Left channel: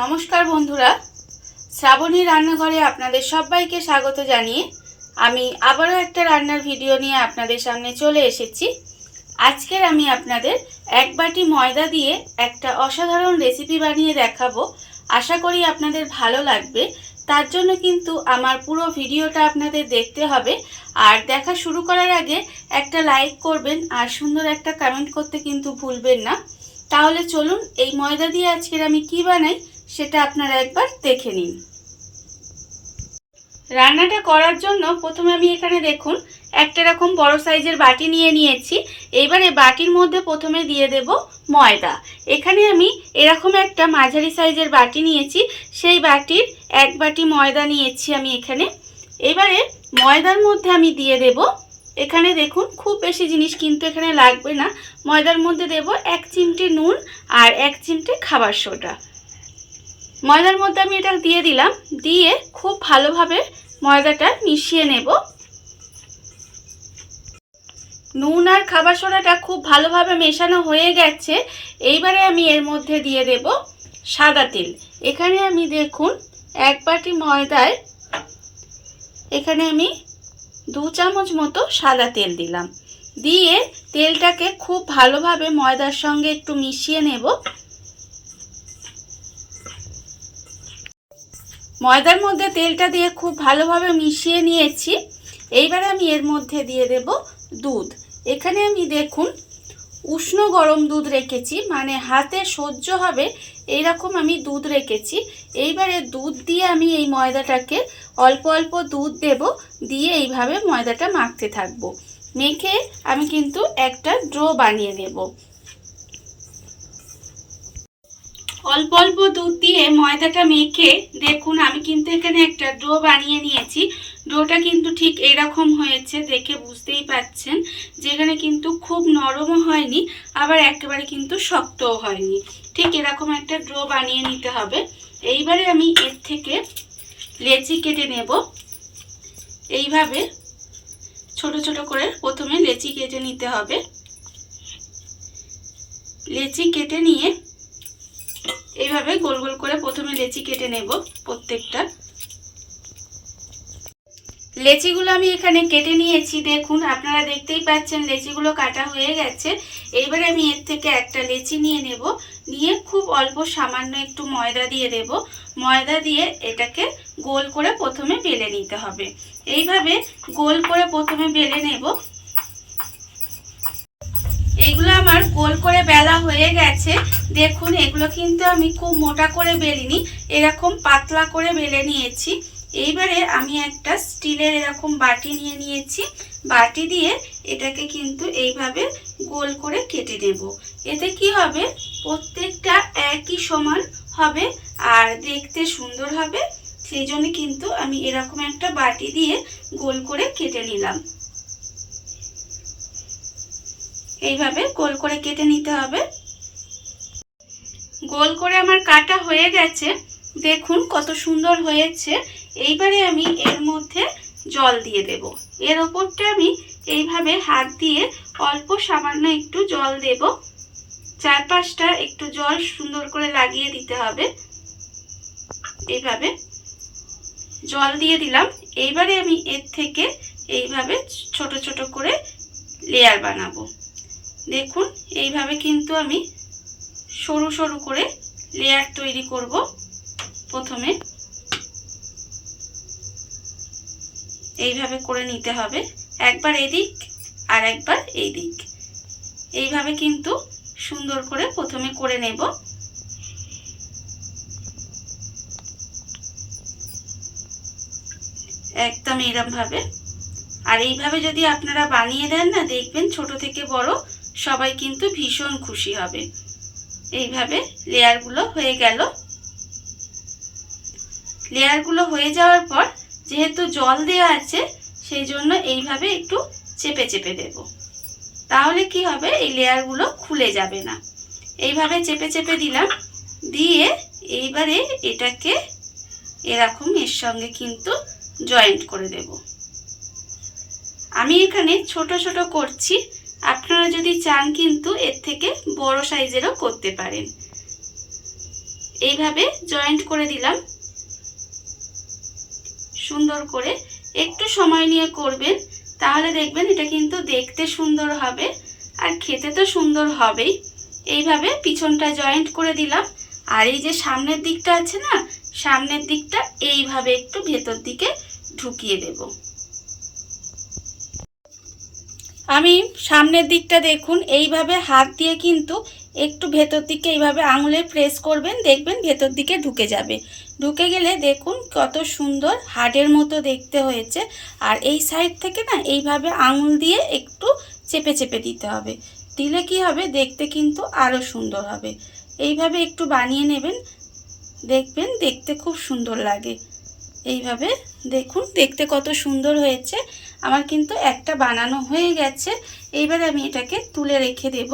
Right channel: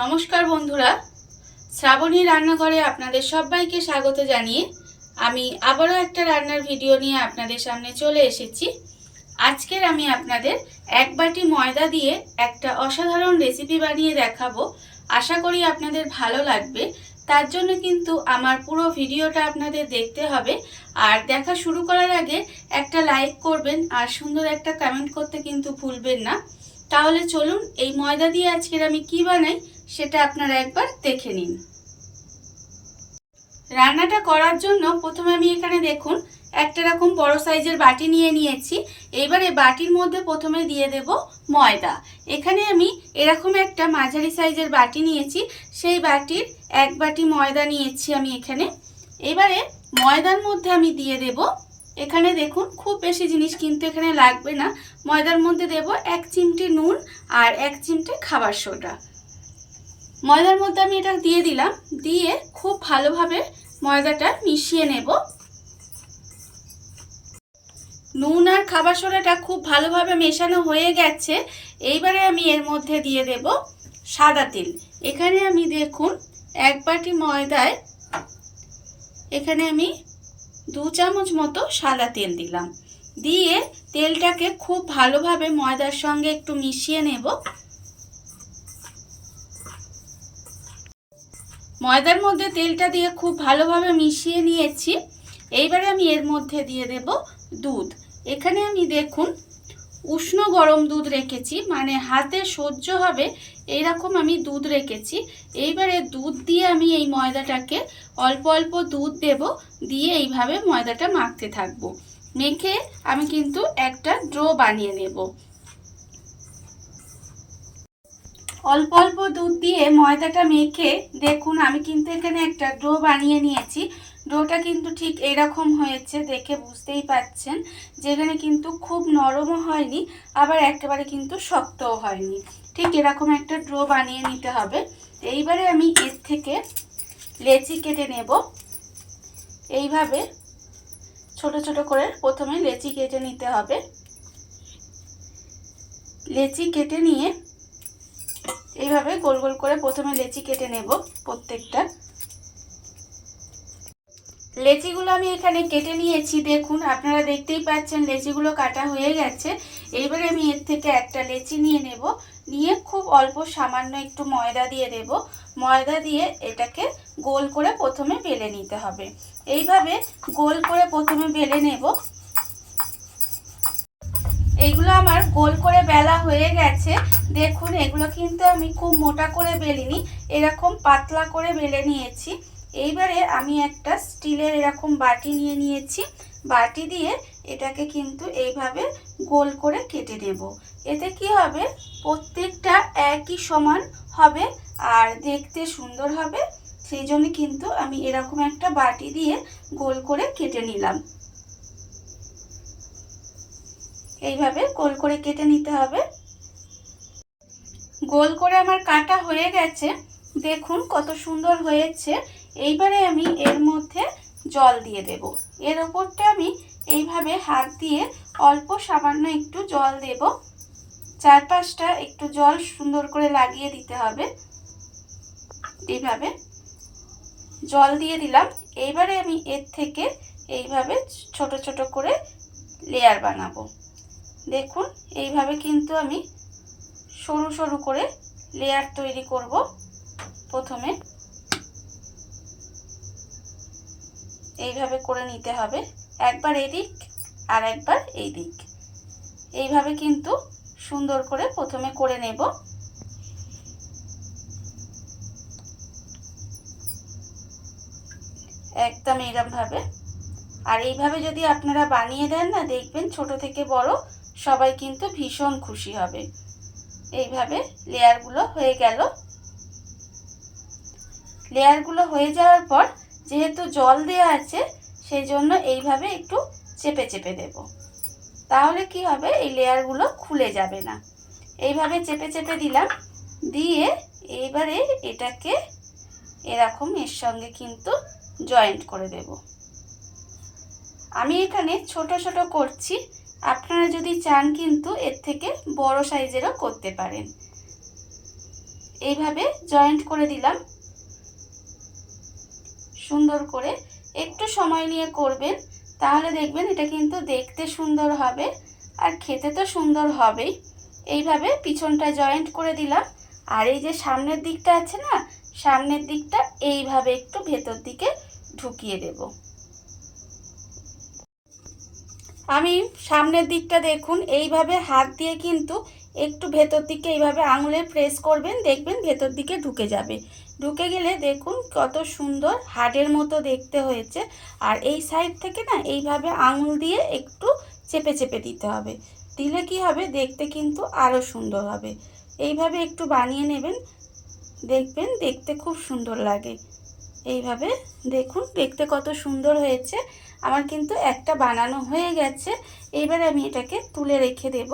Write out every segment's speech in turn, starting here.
নমস্কার বন্ধুরা। শ্রাবণী রান্নাঘরে আপনাদের সবাইকে স্বাগত জানিয়ে আমি আবারও একটা রান্নার ভিডিও নিয়ে আপনাদের সামনে চলে এসেছি। আজকের আমি আপনাদের এক বাটি ময়দা দিয়ে একটা অসাধারণ রেসিপি বানিয়ে দেখাবো। আশা করি আপনাদের ভালো লাগবে। তার জন্য কিন্তু আমার পুরো ভিডিওটা আপনাদের দেখতে হবে। আর দেখা শুরু করার আগে একটা লাইক করবেন আর সুন্দর একটা কমেন্ট করতে কিন্তু ভুলবেন না। তাহলে চলুন এই ময়দা দিয়ে আজকের আমি কি বানাই সেটা আপনারা একবার দেখে নিন। রান্নাটা করার জন্য প্রথমে আমি এখানে দেখুন, একটা রকম বড় সাইজের বাটি নিয়ে নিয়েছি। এবারে বাটির মধ্যে প্রথমে দিয়ে দেব ময়দা। এখানে আমি এরকম একটা মাঝারি সাইজের বাটি নিয়েছি, সেই বাটির এক বাটি ময়দা নিয়েছি আমি এখানে। এবারে ময়দার মধ্যে আমি দিয়ে দেব, এখানে দেখুন খুব বেশি জিনিস কিন্তু এখানে লাগবে না। ময়দার মধ্যে দেব এক চিমটি নুন আর এক চিমটি খাবার সোডা। ময়দার মধ্যে আমি এটা দিয়ে দিলাম। দিয়ে খুব ভালোভাবে ময়দাটা মিশিয়ে নেব। নুন আর খাবার সোডাটা খুব ভালোভাবে মেশানো হয়ে গেছে। এইবারে আমি এর মধ্যে দিয়ে দেব সাদা তেল। এখানে আমি দেখুন, এক বাটি ময়দায় এখানে আমি দু চামচ মতো সাদা তেল দিলাম। দিয়ে তেলটাকে খুব ভালোভাবে ময়দার সঙ্গে একটু মিশিয়ে নেব। ময়দার মধ্যে তেলটা দিয়ে খুব ভালোভাবে মিশিয়ে নিয়েছি। এইবারে আমি এর মধ্যে দিয়ে দেব দুধ। এখানে আমি দেখুন, উষ্ণ গরম দুধ রেখেছি মানে হাতে সহ্য হবে এইরকম আমি দুধ রেখেছি। এইবারে দুধ দিয়ে আমি এই ময়দাটাকে অল্প অল্প দুধ দেব, দিয়ে এইভাবে ময়দাটা মাখতে থাকব। মেখে আমি কিন্তু একটা ড্রো বানিয়ে নেব। অল্প অল্প দুধ দিয়ে ময়দাটা মেখে, দেখুন আমি কিন্তু এখানে একটা ডো বানিয়ে নিয়েছি। ডোটা কিন্তু ঠিক এরকম হয়েছে দেখে বুঝতেই পাচ্ছেন। যেখানে কিন্তু খুব নরমও হয়নি, আবার একেবারে কিন্তু শক্তও হয়নি। ঠিক এরকম একটা ড্রো বানিয়ে নিতে হবে। এইবারে আমি এর থেকে লেচি কেটে নেব। এইভাবে ছোট ছোট করে প্রথমে লেচি কেটে নিতে হবে। লেচি কেটে নিয়ে এইভাবে গোল গোল করে প্রথমে লেচি কেটে নেব প্রত্যেকটা। লেচিগুলো আমি এখানে কেটে নিয়েছি, দেখুন, আপনারা দেখতেই পাচ্ছেন লেচিগুলো কাটা হয়ে গেছে। এইবারে আমি এর থেকে একটা লেচি নিয়ে নেব, নিয়ে খুব অল্প সামান্য একটু ময়দা দিয়ে দেব। ময়দা দিয়ে এটাকে গোল করে প্রথমে বেলে নিতে হবে। এইভাবে গোল করে প্রথমে বেলে নেব। এইগুলো আমার গোল করে বেলা হয়ে গেছে। দেখুন, এগুলো কিন্তু আমি খুব মোটা করে বেলিনি, এরকম পাতলা করে বেলে নিয়েছি। এইবারে আমি একটা স্টিলের এরকম বাটি নিয়ে নিয়েছি। বাটি দিয়ে এটাকে কিন্তু এইভাবে গোল করে কেটে নেব। এতে কি হবে? প্রত্যেকটা একই সমান হবে আর দেখতে সুন্দর হবে। সেই জন্য কিন্তু আমি এরকম একটা বাটি দিয়ে গোল করে কেটে নিলাম। এইভাবে গোল করে কেটে নিতে হবে। গোল করে আমার কাটা হয়ে গেছে। দেখুন কত সুন্দর হয়েছে। এইবারে আমি এর মধ্যে জল দিয়ে দেব। এর ওপরটা আমি এইভাবে হাত দিয়ে অল্প সামান্য একটু জল দেব। চারপাশটা একটু জল সুন্দর করে লাগিয়ে দিতে হবে। এইভাবে জল দিয়ে দিলাম। এইবারে আমি এর থেকে এইভাবে ছোট ছোট করে লেয়ার বানাবো। দেখুন, এইভাবে কিন্তু আমি সরু সরু করে লেয়ার তৈরি করব প্রথমে। এইভাবে করে নিতে হবে, একবার এদিক আর একবার এই দিক এইভাবে কিন্তু সুন্দর করে প্রথমে করে নেব। একদম এরম ভাবে আর এইভাবে যদি আপনারা বানিয়ে দেন না, দেখবেন ছোট থেকে বড় সবাই কিন্তু ভীষণ খুশি হবে। এইভাবে লেয়ারগুলো হয়ে গেল। লেয়ারগুলো হয়ে যাওয়ার পর যেহেতু জল দেওয়া আছে, সেই জন্য এইভাবে একটু চেপে চেপে দেব। তাহলে কি হবে? এই লেয়ারগুলো খুলে যাবে না। এইভাবে চেপে চেপে দিলাম। দিয়ে এইবারে এটাকে এরকম এর সঙ্গে কিন্তু জয়েন্ট করে দেব। আমি এখানে ছোট ছোট করছি। আপনারা যদি চান কিন্তু এর থেকে বড় সাইজেরও করতে পারেন। এইভাবে জয়েন্ট করে দিলাম। সুন্দর করে একটু সময় নিয়ে করবেন, তাহলে দেখবেন এটা কিন্তু দেখতে সুন্দর হবে আর খেতে তো সুন্দর হবেই। এইভাবে পিছনটা জয়েন্ট করে দিলাম। আর এই যে সামনের দিকটা আছে না, সামনের দিকটা এইভাবে একটু ভেতর দিকে ঢুকিয়ে দেব। আমি সামনের দিকটা দেখুন, এইভাবে হাত দিয়ে কিন্তু একটু ভেতর দিকে এইভাবে আঙুলে প্রেস করবেন, দেখবেন ভেতর দিকে ঢুকে যাবে। ঢুকে গেলে দেখুন কত সুন্দর হাড়ের মতো দেখতে হয়েছে। আর এই সাইড থেকে না এইভাবে আঙুল দিয়ে একটু চেপে চেপে দিতে হবে। দিলে কি হবে? দেখতে কিন্তু আরও সুন্দর হবে। এইভাবে একটু বানিয়ে নেবেন। দেখবেন দেখতে খুব সুন্দর লাগে। এইভাবে দেখুন, দেখতে কত সুন্দর হয়েছে। আমার কিন্তু একটা বানানো হয়ে গেছে। এইবার আমি এটাকে তুলে রেখে দেব।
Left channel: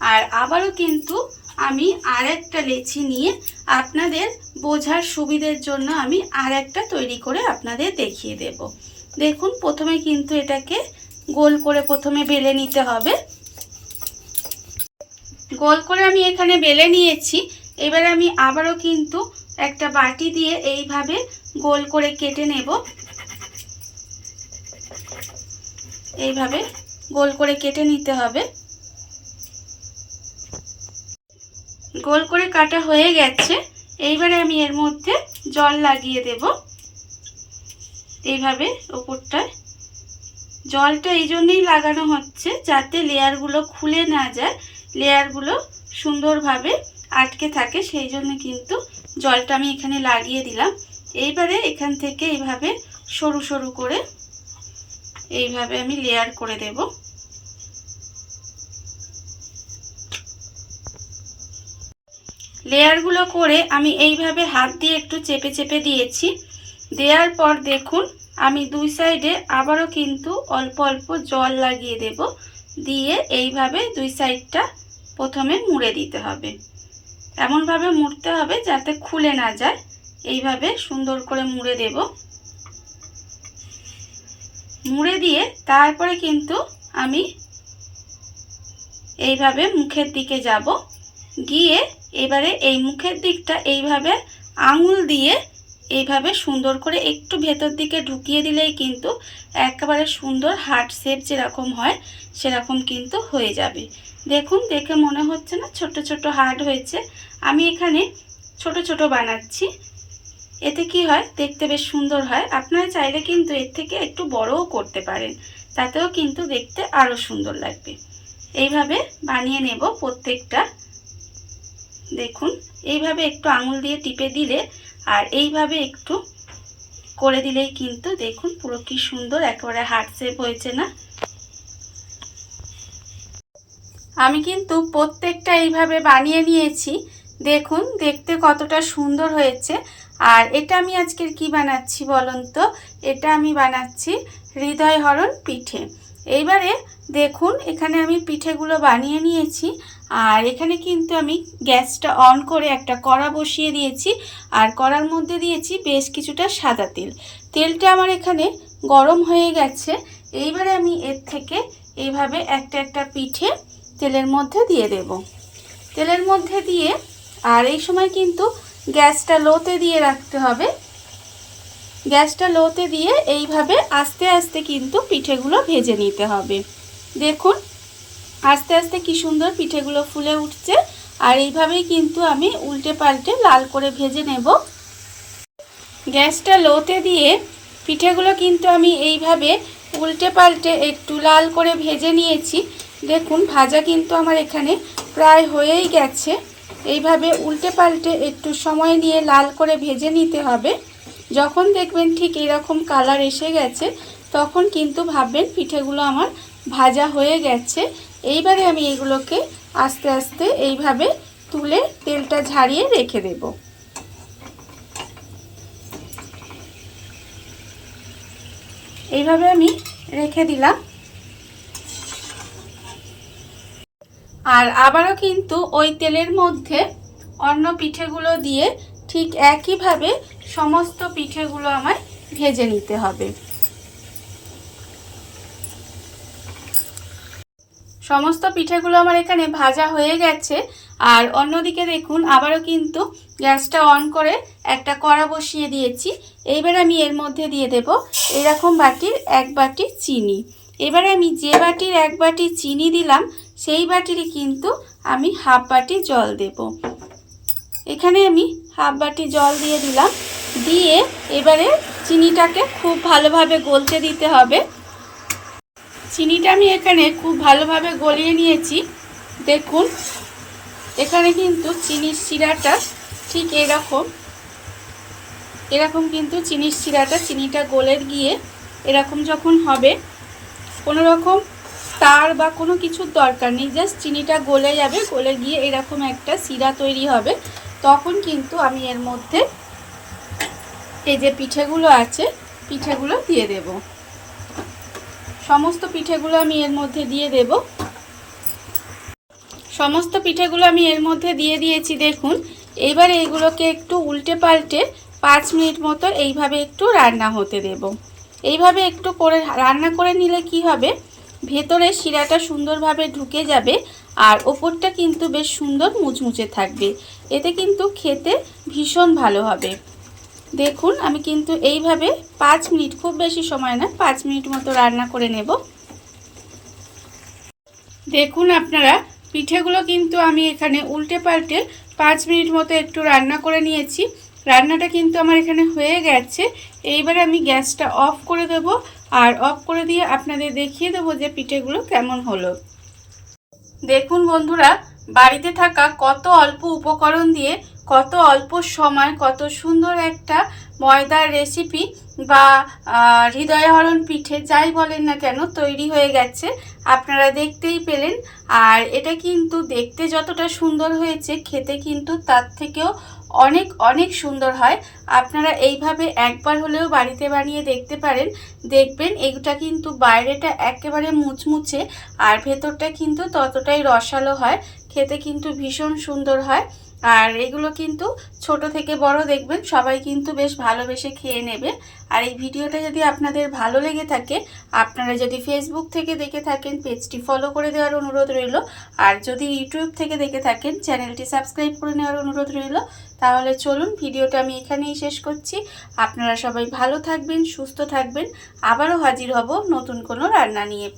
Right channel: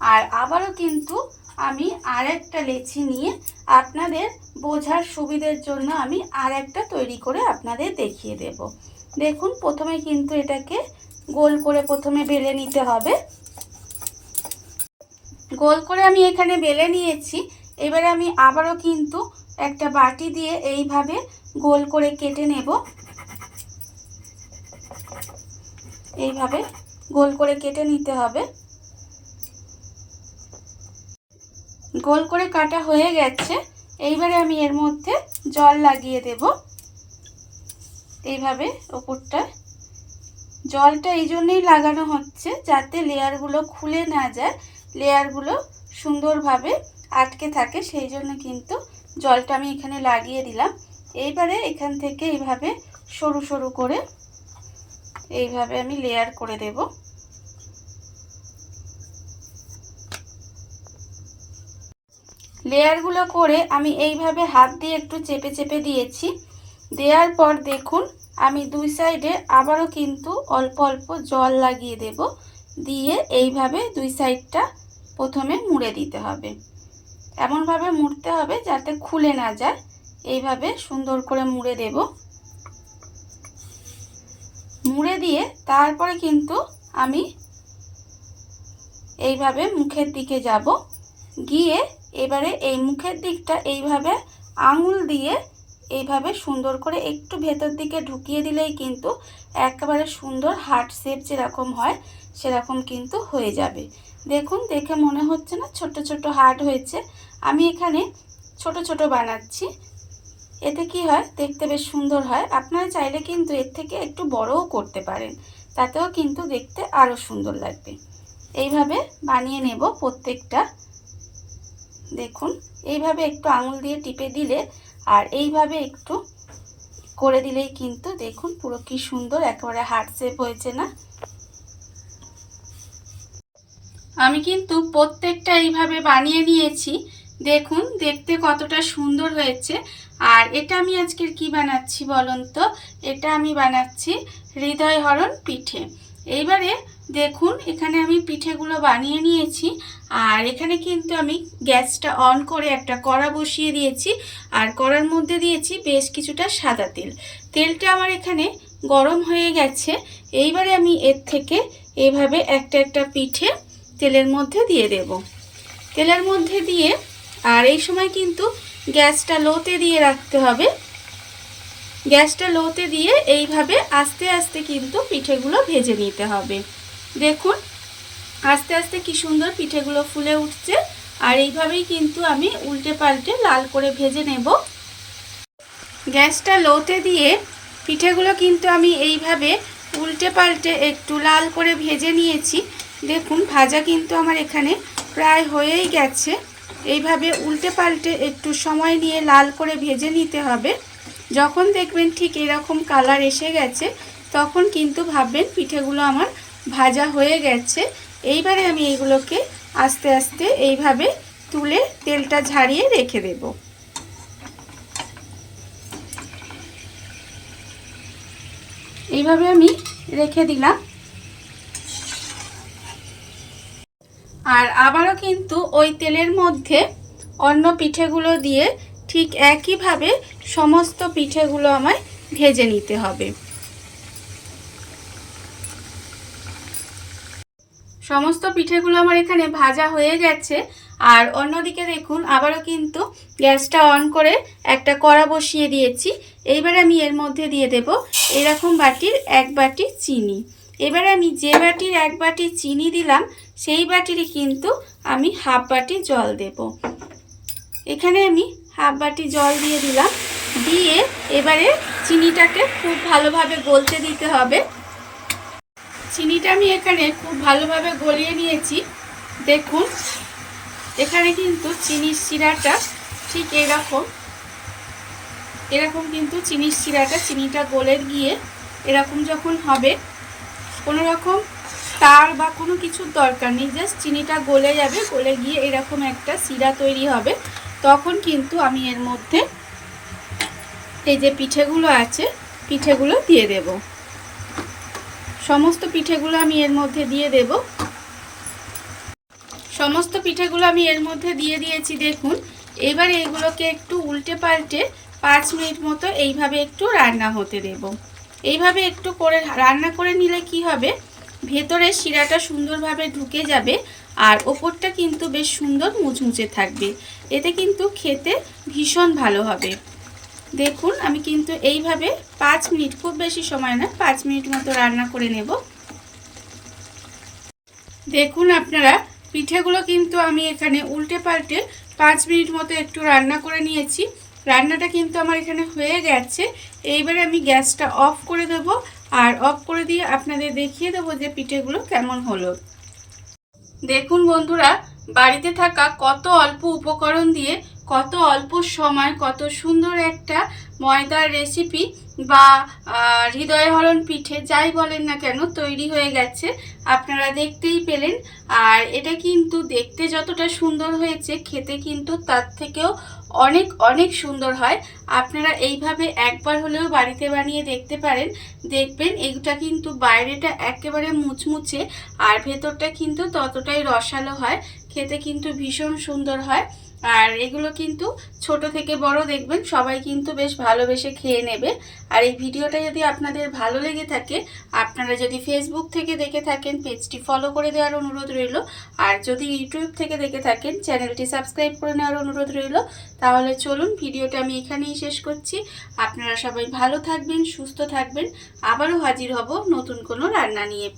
আর আবারও কিন্তু আমি আর একটা লেচি নিয়ে আপনাদের বোঝার সুবিধের জন্য আমি আর একটা তৈরি করে আপনাদের দেখিয়ে দেব। দেখুন, প্রথমে কিন্তু এটাকে গোল করে প্রথমে বেলে নিতে হবে। গোল করে আমি এখানে বেলে নিয়েছি। এবার আমি আবারও কিন্তু একটা বাটি দিয়ে এইভাবে গোল করে কেটে নেব। এইভাবে গোল করে কেটে নিতে হবে। গোল করে কাটা হয়ে গেছে। এইবারে আমি এর মধ্যে জল লাগিয়ে দেব। এইভাবে ওপরটায়। জলটা এই জন্যেই লাগানো হচ্ছে যাতে লেয়ারগুলো খুলে না যায়। লেয়ারগুলো সুন্দরভাবে আটকে থাকে, সেই জন্য কিন্তু জলটা আমি এখানে লাগিয়ে দিলাম। এইবারে এখান থেকে এইভাবে সরু সরু করে এইভাবে আমি লেয়ার করে দেব। লেয়ারগুলো করে আমি এইভাবে হাত দিয়ে একটু চেপে চেপে দিয়েছি। দেওয়ার পর দেখুন, আমি দুই সাইডে আবারও কিন্তু অল্প অল্প জল লাগিয়ে দেব। দিয়ে এইভাবে দুই সাইডটা প্রথমে মুড়ে দিতে হবে। এমনভাবে মুড়তে হবে যাতে খুলে না যায়। এইভাবে সুন্দর করে মুড়ে দেব। মুড়ে দিয়ে তারপরে কিন্তু আমি এইভাবে মুখের দিকে যাব। গিয়ে এবারে এই মুখের দিকটা এইভাবে আঙুল দিয়ে এইভাবে সুন্দর করে একটু ভেতর দিকে ঢুকিয়ে দিলেই কিন্তু একেবারে সুন্দর হার্ট শেপ যেরকম হয়, সেরকম কিন্তু হয়ে যাবে। দেখুন, দেখে মনে হচ্ছে না ছোট ছোট হার্ট হয়েছে। আমি এখানে ছোট ছোট বানাচ্ছি। এতে কি হয়? দেখতে বেশ সুন্দর হয়। আপনারা চাইলে কিন্তু এর থেকে একটু বড়ও করতে পারেন। তাতেও কিন্তু দেখতে আরও সুন্দর লাগবে। এইভাবে বানিয়ে নেব প্রত্যেকটা। দেখুন, এইভাবে একটু আঙুল দিয়ে টিপে দিলে আর এইভাবে একটু করে দিলেই কিন্তু দেখুন পুরো কি সুন্দর, একেবারে হার্ট শেপ হয়েছে না? আমি কিন্তু প্রত্যেকটা এইভাবে বানিয়ে নিয়েছি। দেখুন, দেখতে কতটা সুন্দর হয়েছে। আর এটা আমি আজকের কি বানাচ্ছি বলুন তো এটা আমি বানাচ্ছি হৃদয় হরণ পিঠে। এইবারে দেখুন, এখানে আমি পিঠেগুলো বানিয়ে নিয়েছি আর এখানে কিন্তু আমি গ্যাসটা অন করে একটা কড়া বসিয়ে দিয়েছি আর কড়ার মধ্যে দিয়েছি বেশ কিছুটা সাদা তেল। তেলটা আমার এখানে গরম হয়ে গেছে। এইবারে আমি এর থেকে এইভাবে একটা একটা পিঠে তেলের মধ্যে দিয়ে দেব। তেলের মধ্যে দিয়ে, আর এই সময় কিন্তু গ্যাসটা লোতে দিয়ে রাখতে হবে। গ্যাসটা লোতে দিয়ে এইভাবে আস্তে আস্তে কিন্তু পিঠেগুলো ভেজে নিতে হবে। দেখুন, আস্তে আস্তে কি সুন্দর পিঠেগুলো ফুলে উঠছে। আর এইভাবেই কিন্তু আমি উল্টে পাল্টে লাল করে ভেজে নেব। গ্যাসটা লোতে দিয়ে পিঠেগুলো কিন্তু আমি এইভাবে উল্টে পাল্টে একটু লাল করে ভেজে নিয়েছি। দেখুন, ভাজা কিন্তু আমার এখানে প্রায় হয়েই গেছে। এইভাবে উল্টে পাল্টে একটু সময় নিয়ে লাল করে ভেজে নিতে হবে। যখন দেখবেন ঠিক এরকম কালার এসে গেছে, তখন কিন্তু ভাববেন পিঠেগুলো আমার ভাজা হয়ে গেছে। এইবারে আমি এইগুলোকে আস্তে আস্তে এইভাবে তুলে তেলটা ঝাড়িয়ে রেখে দেব। এইভাবে আমি রেখে দিলাম। আর আবারও কিন্তু ওই তেলের মধ্যে অন্য পিঠেগুলো দিয়ে ঠিক একইভাবে সমস্ত পিঠেগুলো আমার ভেজে নিতে হবে। সমস্ত পিঠেগুলো আমার এখানে ভাজা হয়ে গেছে। আর অন্যদিকে দেখুন, আবারও কিন্তু গ্যাসটা অন করে একটা কড়া বসিয়ে দিয়েছি। এইবার আমি এর মধ্যে দিয়ে দেব এরকম বাটির এক বাটি চিনি। এবারে আমি যে বাটির এক বাটি চিনি দিলাম সেই বাটিরই কিন্তু আমি হাফ বাটি জল দেব। এখানে আমি হাফ বাটি জল দিয়ে দিলাম। দিয়ে এবারে চিনিটাকে খুব ভালোভাবে গলতে দিতে হবে। চিনিটা আমি এখানে খুব ভালোভাবে গলিয়ে নিয়েছি। দেখুন, এখানে কিন্তু চিনির শিরাটা ঠিক এরকম। এরকম কিন্তু চিনির শিরাটা, চিনিটা গলে গিয়ে এরকম যখন হবে, কোনো রকম তার বা কোনো কিছুর দরকার নেই জাস্ট চিনিটা গলে যাবে, গলে গিয়ে এরকম একটা শিরা তৈরি হবে। তখন কিন্তু আমি এর মধ্যে এই যে পিঠেগুলো আছে, পিঠেগুলো দিয়ে দেব। সমস্ত পিঠেগুলো আমি এর মধ্যে দিয়ে দেব। সমস্ত পিঠেগুলো আমি এর মধ্যে দিয়ে দিয়েছি, দেখুন। এবারে এইগুলোকে একটু উল্টে পাল্টে পাঁচ মিনিট মতো এইভাবে একটু রান্না হতে দেব। এইভাবে একটু করে রান্না করে নিলে কি হবে? ভেতরে শিরাটা সুন্দরভাবে ঢুকে যাবে আর ওপরটা কিন্তু বেশ সুন্দর মুচমুচে থাকবে। এতে কিন্তু খেতে ভীষণ ভালো হবে। দেখুন, আমি কিন্তু এইভাবে পাঁচ মিনিট, খুব বেশি সময় না, পাঁচ মিনিট মতো রান্না করে নেব। দেখুন আপনারা, পিঠেগুলো কিন্তু আমি এখানে উল্টে পাল্টে পাঁচ মিনিট মতো একটু রান্না করে নিয়েছি। রান্নাটা কিন্তু আমার এখানে হয়ে গেছে। এইবারে আমি গ্যাসটা অফ করে দেব আর অফ করে দিয়ে আপনাদের দেখিয়ে দেব যে পিঠেগুলো কেমন হলো। দেখুন বন্ধুরা, বাড়িতে থাকা কত অল্প উপকরণ দিয়ে কত অল্প সময়, কত সুন্দর একটা ময়দার রেসিপি বা হৃদয়হরণ পিঠে যাই বলেন না কেন তৈরি হয়ে গেছে। আপনারা দেখতেই পেলেন। আর এটা কিন্তু দেখতে যতটা সুন্দর হয়েছে, খেতে কিন্তু তার থেকেও অনেক অনেক সুন্দর হয়। আপনারা এইভাবে একবার হলেও বাড়িতে বানিয়ে দেখতে পারেন। দেখবেন এগুটা কিন্তু বাইরেটা একেবারে মুচমুচে আর ভেতরটা কিন্তু ততটাই রসালো হয়। খেতে কিন্তু ভীষণ সুন্দর হয়। আর এগুলো কিন্তু ছোট থেকে বড় দেখবেন, সবাই কিন্তু বেশ ভালোবেসে খেয়ে নেবে। আর এই ভিডিওটা যদি আপনাদের ভালো লেগে থাকে, আপনারা যদি ফেসবুক থেকে দেখে থাকেন, পেজটি ফলো করে দেওয়ার অনুরোধ রইল। আর যদি ইউটিউব থেকে দেখে থাকেন, চ্যানেলটি সাবস্ক্রাইব করে নেওয়ার অনুরোধ রইল। তাহলে চলুন, ভিডিওটা আমি এখানেই শেষ করছি। আপনারা সবাই ভালো থাকবেন, সুস্থ থাকবেন। আবারও হাজির হব নতুন কোনো রান্না নিয়ে।